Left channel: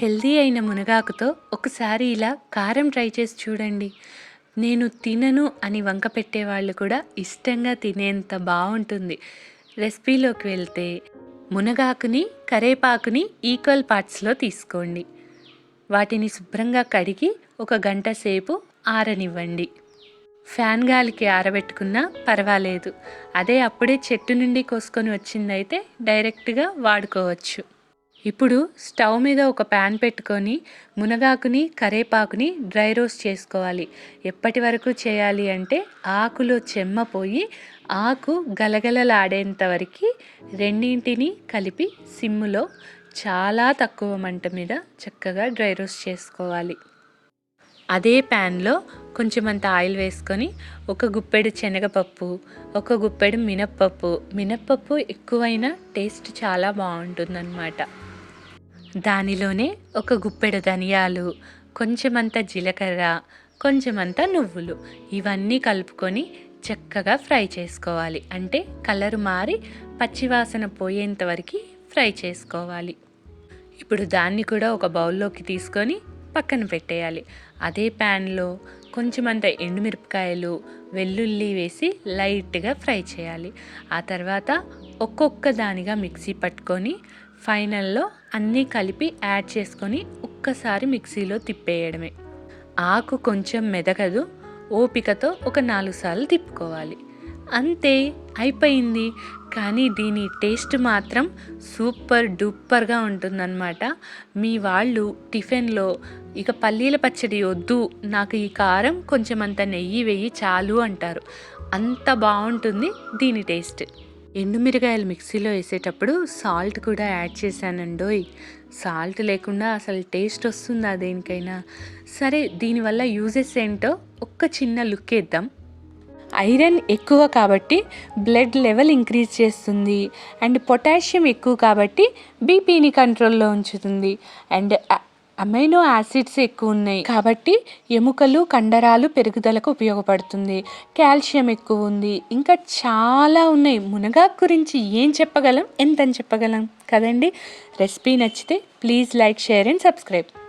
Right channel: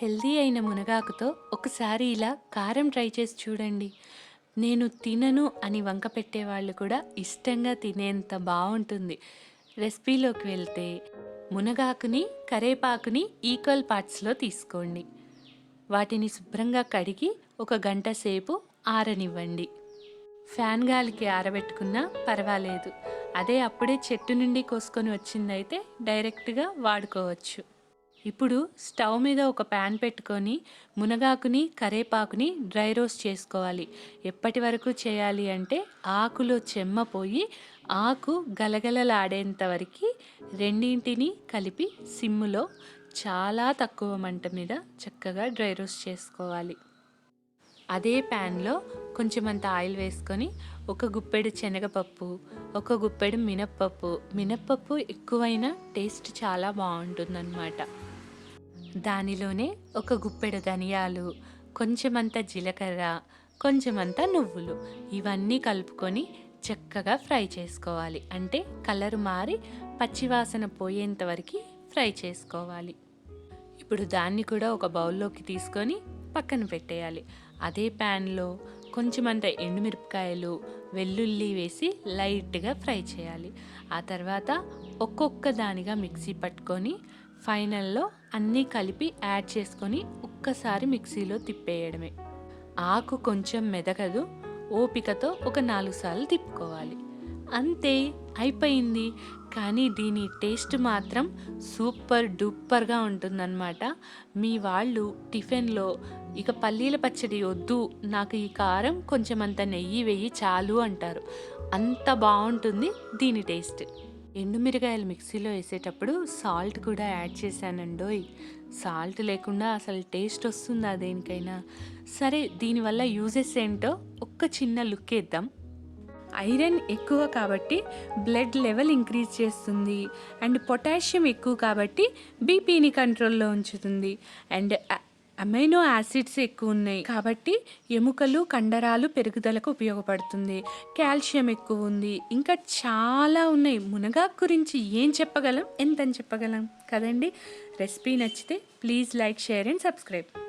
Healthy అయిన మునగాకుతో ఒకసారి ఇలా కారం ట్రై చేసి చూడండి. నేను తినను అని వంక పెట్టేవాళ్ళు కూడా ఇష్టంగా తినేంత బాగుంటుంది రెసిపీలోకి వెళ్తే మునగాకుని కరేపాకుని ఈక్వల్ పార్ట్స్లో తీసుకోండి. వాటిని శుభ్రంగా కడిగి ఒక గంట సేపు ఆరనివ్వండి. ఫ్యాన్ గాలికి ఆరబెట్టుకున్నా పర్వాలేదు. అదే అప్పుడే చెట్టు నుండి కోసుకొని వచ్చిందైతే డైరెక్ట్గా వాడుకోవచ్చు. ఇప్పుడు స్టవ్ మీద ఒక ప్యాన్ పెట్టుకొని మునగాకుని కరేపాకుని డ్రై రోస్ట్ చేసుకోవాలి. ఎప్పటి వరకు చేయాలి అంటే ఆకులో చెమ్మ పోయి ఆకు గలగలలాడేంత వరకు రెండింటిని కలిపి సిమ్ములో చాలా తక్కువ మంట మీద చక్కగా డ్రై రోస్ట్ చేసుకోవాలి. అదే ప్యాన్లో కొంచెం అంత ఆయిల్ వేసుకొని ఒక గుప్పెడు శనగపప్పు ఒక గుప్పెడు మినప్పప్పు. మినప్పప్పు ఎక్కువైనా టేస్ట్ చాలా బాగుంటుందన్నమాట. దానిలోనే ఒక గుప్పెడు ధనియాలు కొంచెమంత జీలకర్ర కొంచెమంత నువ్వులు. ఇవన్నీ కలుపుకొని చక్కగా ఫ్రై చేసుకోవాలి. అంటే కలర్ మారి పచ్చివాసన పోయేంత వరకు ఫ్రై చేసుకోవాలి. ఇప్పుడు దాన్ని కూడా ఒక బౌల్లోకి తీసుకొని పక్కన పెట్టేయాలి. అదే ప్యాన్లో కొంచెమంత ఎండుమిరపకాయలు వెల్లుల్లి వేసి లైట్గా ఫ్రై చేయాలి. ఆ తర్వాత ఒక్కొక్క దానిగా మిక్సీ పట్టుకొని ఫైనల్లో అన్నీ కలిపి యాడ్ చేసుకొని ఒక్కసారి మిక్సీలో తిప్పేయడమే. ఆకు కొంచెం మెదగదు ఓపికతో ఒక నాలుగు సార్లు తిప్పుకోవాలి. అంతే అయిపోయింది. కానీ దీని టేస్ట్ మాత్రం సూపర్ డూపర్గా ఉంటుందన్నమాట. మీ వాళ్ళు టిఫిన్లో ఇక పల్లీల పచ్చడి వద్దు నాకు ఈ కారం కొంచెం అంత నెయ్యి వెయ్యి చాలు అంటారు. అంత బాగుంటుంది దీని టేస్ట్. ఎండుమిరగాయలు మిక్సీలో వేసేటప్పుడు సాల్ట్ కూడా యాడ్ చేశానండోయ్. సాల్ట్ లేకుండా అసలు టేస్ట్ వస్తుందా దేనికైనా? సరే దీనివల్ల యూజెస్ ఏంటో ఒక్క చిన్న లుక్ వేద్దాం. ఐరన్ ఎక్కువ కాబట్టి బ్లడ్ లెవెల్ ఇంక్రీజ్ చేస్తుంది. అండ్ పొటాషియం ఎక్కువ కాబట్టి బీపీని కంట్రోల్లో ఉంచుతుంది. అండ్ అమైనో యాసిడ్స్ ఎక్కువ ఉన్నాయి కాబట్టి ఎముకలు కండరాలు పెరుగుదలకు ఉపయోగపడుతుంది. కాల్షియం ఎక్కువ ఉంది ఇంకా చాలా ఉన్నాయి. మునగాకు గురించి ఏం చెప్పగలం? ఎంతని చెప్పగలం? కదండి? రెసిపీ నచ్చితే please like share and subscribe.